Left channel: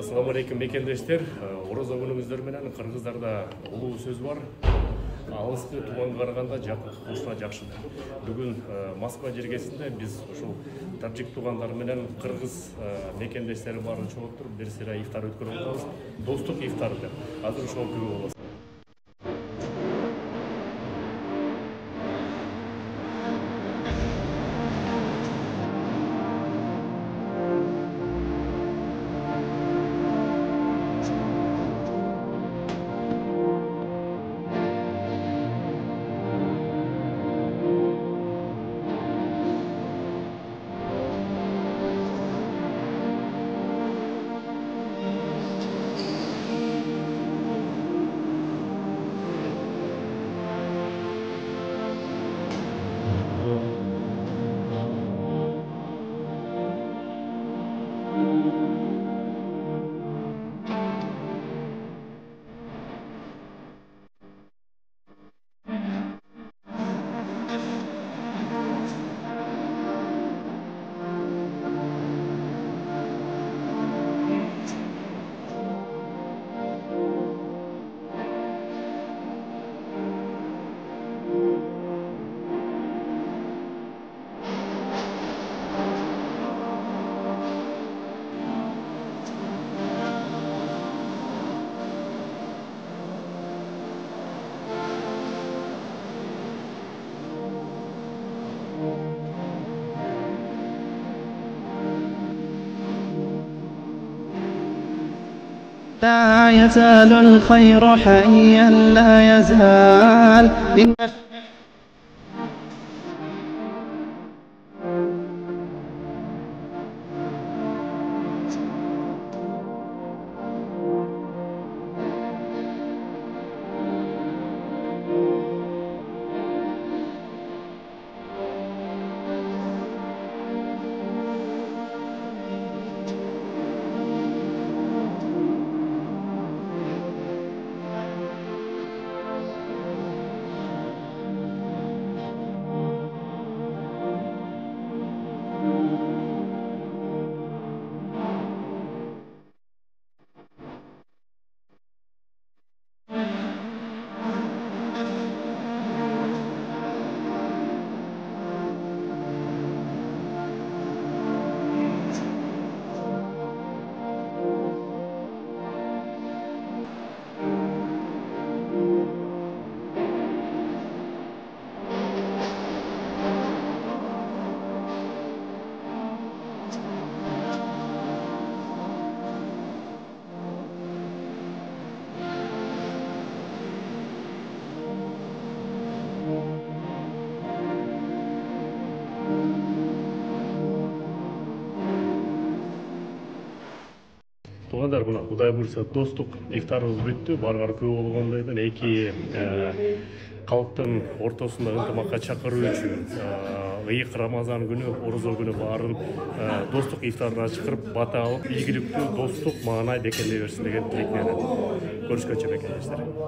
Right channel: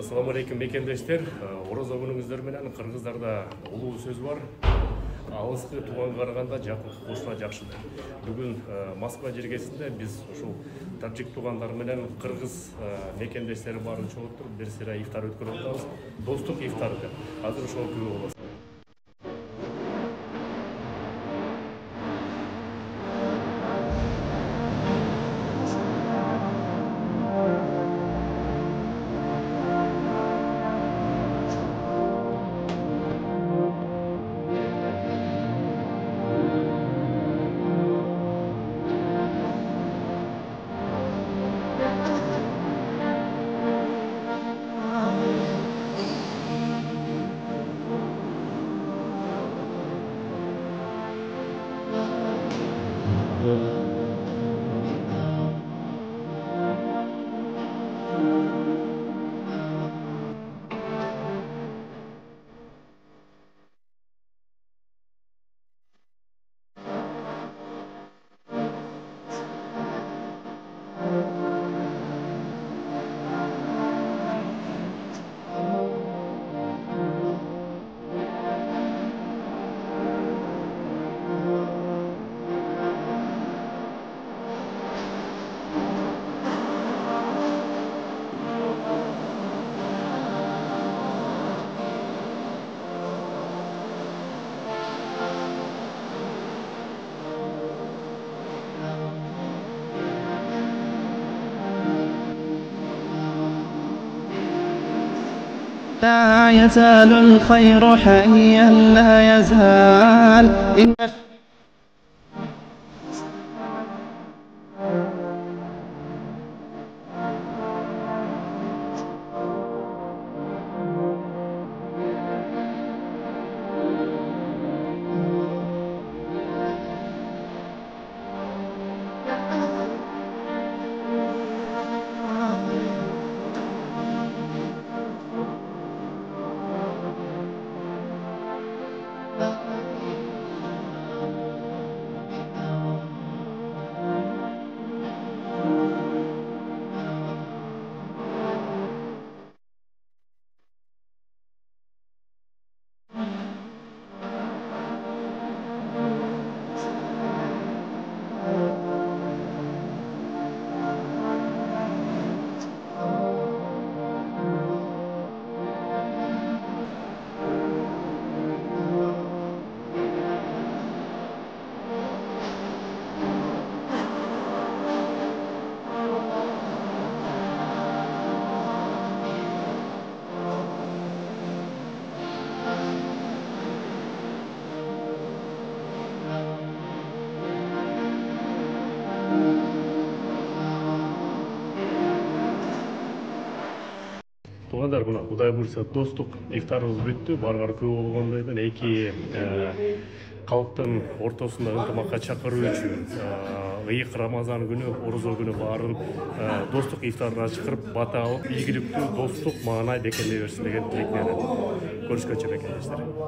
Assalamu alaikum мекендештер. Орозо күнүңүздөр менен кыргыздарда улуу сөз бар. Алыскы тууганга караганда жакынкы кошуна жакшы. Бүгүн Москва жергесинде биз ушул таджик туугандар менен кыргыз мекендештери баарын чогултуруп бир сыйра ифтар өткөрүп атабыз. Достук ифтары деп. Азыр ошол күбө болосуз. لا يزال الخير حيا لا يزال Туугандар, мына Кудай буйрса достук ифтарыбыз бүттү. Баргар күбө болгондойдон эки калктын ортосунда ынтымакка чакыруу үчүн ыйык Рамазан күнү, орозо күнү баарын достук ифтарына чакырып, бата алып, ийгиликтүү достук маанай бекемдей берсин деген тилек менен. Көрүшкөнчө мекендештер.